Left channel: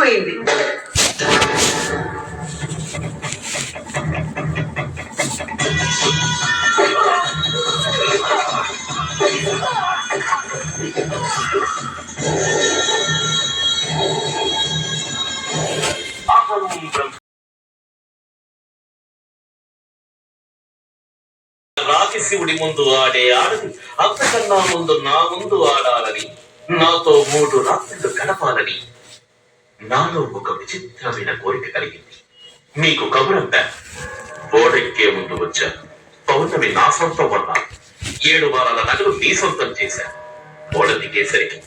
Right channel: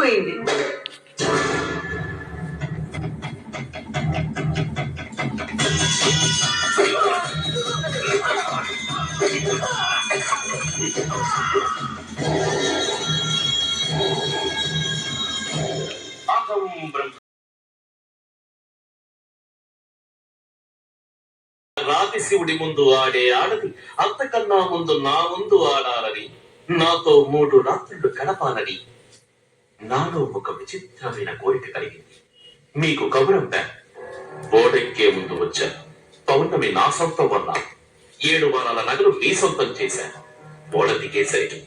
పోయింది. రాతి శివుడి ముందు ఆడే ఆడది అంతకన్నా ముందు నా ముందు ఆడాలని, నాతో 3 రాత్రులు గడపాలని నాలో ఒక విచిత్రమైన కోరిక కలిగింది. మీకు కబురంతా ఓడెక్కే ముందు వచ్చా. పౌర్ణమి నా సొంతం వల్ల 7 వారాల నగలు నీ సొంతం చేశా. ఓడ దిగేసరికి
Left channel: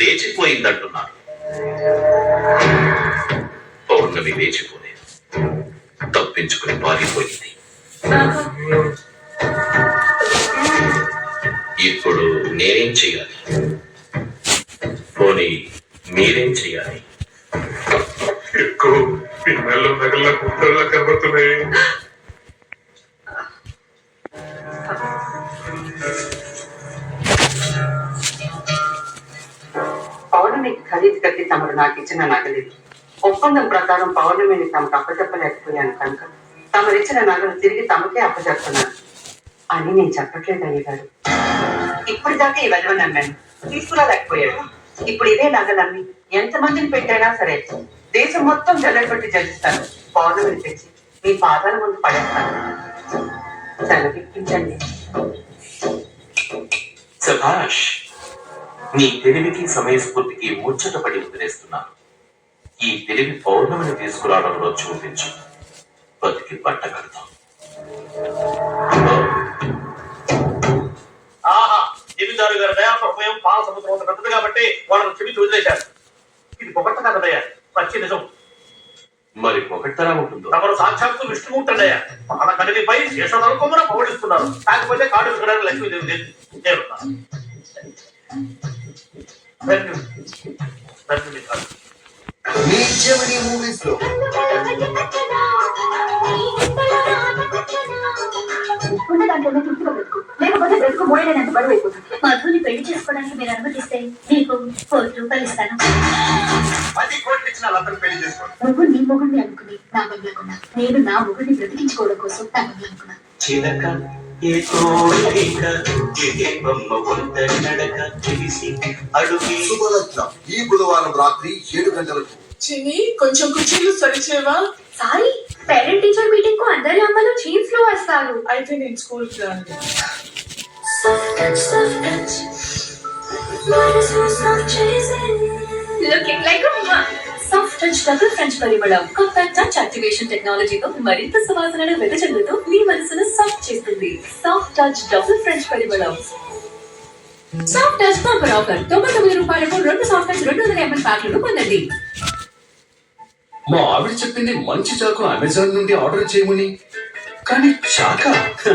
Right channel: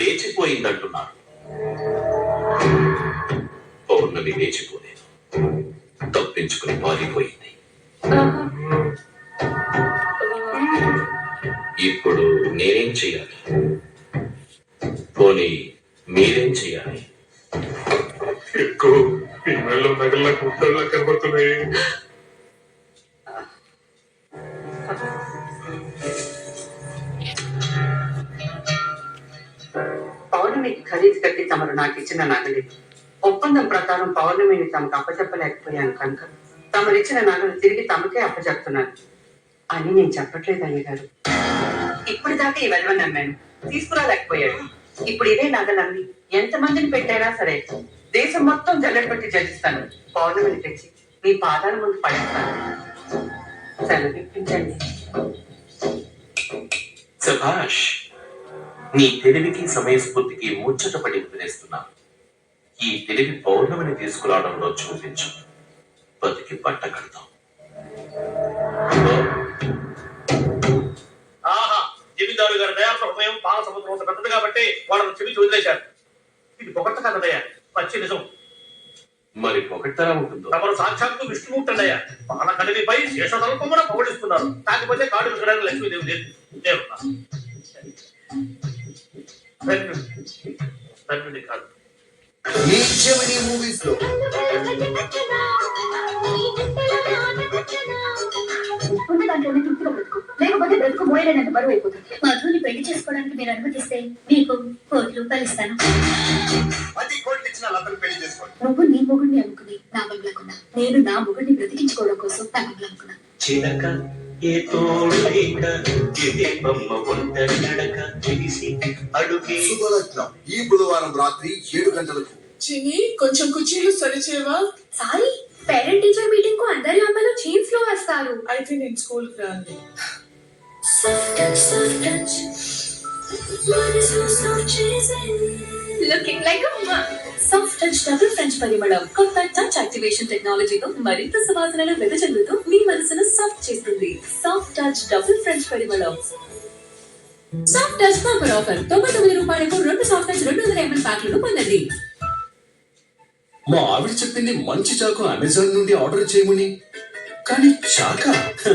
లేచిపోయిందంటున్నారు. పౌర్ణమి లేచిపోలేదు, తప్పించుకుని పారిపోయింది. ఇప్పుడు నేనేం చెయ్యాలి? పోనీ మీరేం చెయ్యాలి? ఎక్కువ పిల్లలు నగల గుట్టల్లో కనబడుతున్నాయి. పౌర్ణమికి ఖరీదు కట్టి తమరు నాకు ఇచ్చిన నగలేదు. ఒప్పందం ప్రకారం పౌర్ణమిని తమకు అప్పచెప్పలేకపోయాను కనుక తమరిచ్చిన నగలు తిరిగి తమకే అప్పచెప్తున్నాను అని నేను చెప్పట్లేదు అయ్యగారు. ఇప్పటిదాకా ఈ వెధవ నమ్మాను, తీసుకురాలేకపోయాడు. ఇప్పుడు ఇదే నగలన్నీ ఎంతమందిని పెట్టైనా సరే దేశం మొత్తం జల్లెడబట్టి జలిస్తాను. పౌర్ణమిని తెచ్చి మీ పాదాల ముందు పడేస్తాను. సెలవిప్పించండి. సభాష్, నీ తెలివికి సమయస్ఫూర్తికి ముచ్చటపడి వదిలేస్తున్నాను. ఈ తెలివి పౌర్ణమిని తీసుకురావడంలో చూపించు. బతికి బట్ట కడతాం. జమీందారు గారి దయా సమయం పాల సముద్రం పెద్దది కాబట్టి వాళ్ళని క్షమించి వదిలేశారు. ఇది పొగట్ట కదయ్యా, పచ్చి నిజం. మరి పొగట్టరా ఉంటుందో? తమరు సాక్షాత్తు విష్ణుమూర్తయ్యా. పాల కడివిపై శేషదళకొమ్మన పౌడిస్తున్నారు. కాకపోతే కాడు విసరడానికి లక్ష్మీదేవి లేదు. మూవీస్ లో దాంట్లోనే తృప్తిగా బ్రతుకు, లేకపోతే బ్రతుకు మూడేళ్ళంత బరువు అయిపోతుంది. మధుని పెళ్లి చేసుకోవడానికి మీరు అనుమతిస్తే మీకు ₹1,00,000 ఇస్తాను. నువ్వు నీ మొగుడిని అనుకుని నా బంగ్లాకున్నా, నేను నా మొగుడిని బ్రతికించుకోవడం కోసం నా బంగ్లాకున్నా. ఈ బుధవారం రాత్రి 7 గంటలకు. చిని, కొంచెం కుర్చీలు సరిచేవా? సారీ, పేరెంట్ టీచర్ మీటింగ్ కు అందరి అమ్మలు చీఫ్స్ లో వస్తారు. అయితే నేను స్కూల్ కి రాను. Looking like a mom. Soft touch double French పరిమళం కొత్త టచ్ యాక్టివేషన్ టెక్నాలజీతో మరింత సువాసనను వెదజల్లుతూ మీ మనసును సాఫ్ట్ చేస్తుంది. సాఫ్ట్ టచ్ డబుల్ ఫ్రెంచ్ పరిమళం. సాఫ్ట్ టచ్ బంపర్ ఆఫర్ ₹99కు 2 సాఫ్ట్ టచ్ 200 ml ప్యాక్లను పొందండి. మా ఆవిడ చెప్పింది మంచి చాకు అమెజాన్ నుండి ఆర్డర్ చేయమని. కానీ చాకా?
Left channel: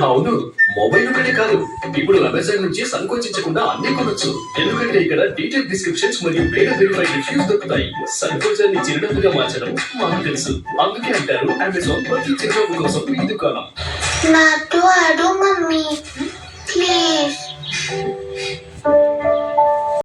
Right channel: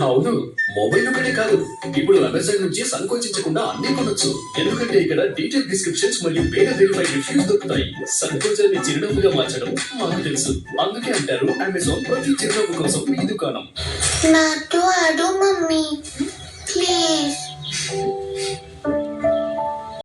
అవును, మొబైల్ ఒకటే కాదు, ఇప్పుడు అమెజాన్ నుంచి సంకోచించకుండా అన్ని కొనొచ్చు. ఎందుకంటే ఇక్కడ డీటెయిల్ డిస్క్రిప్షన్స్ మరియు వేరే వెరిఫైడ్ రివ్యూస్ దొరుకుతాయి. సంకోచాన్ని చిరునవ్వుగా మార్చడం మాకు తెలుసు. అందుకే అంటారు అమెజాన్ ప్రతి చిరునవ్వు కోసం ఈ దుకాణం. నాతో ఆడు మమ్మీ ప్లీజ్.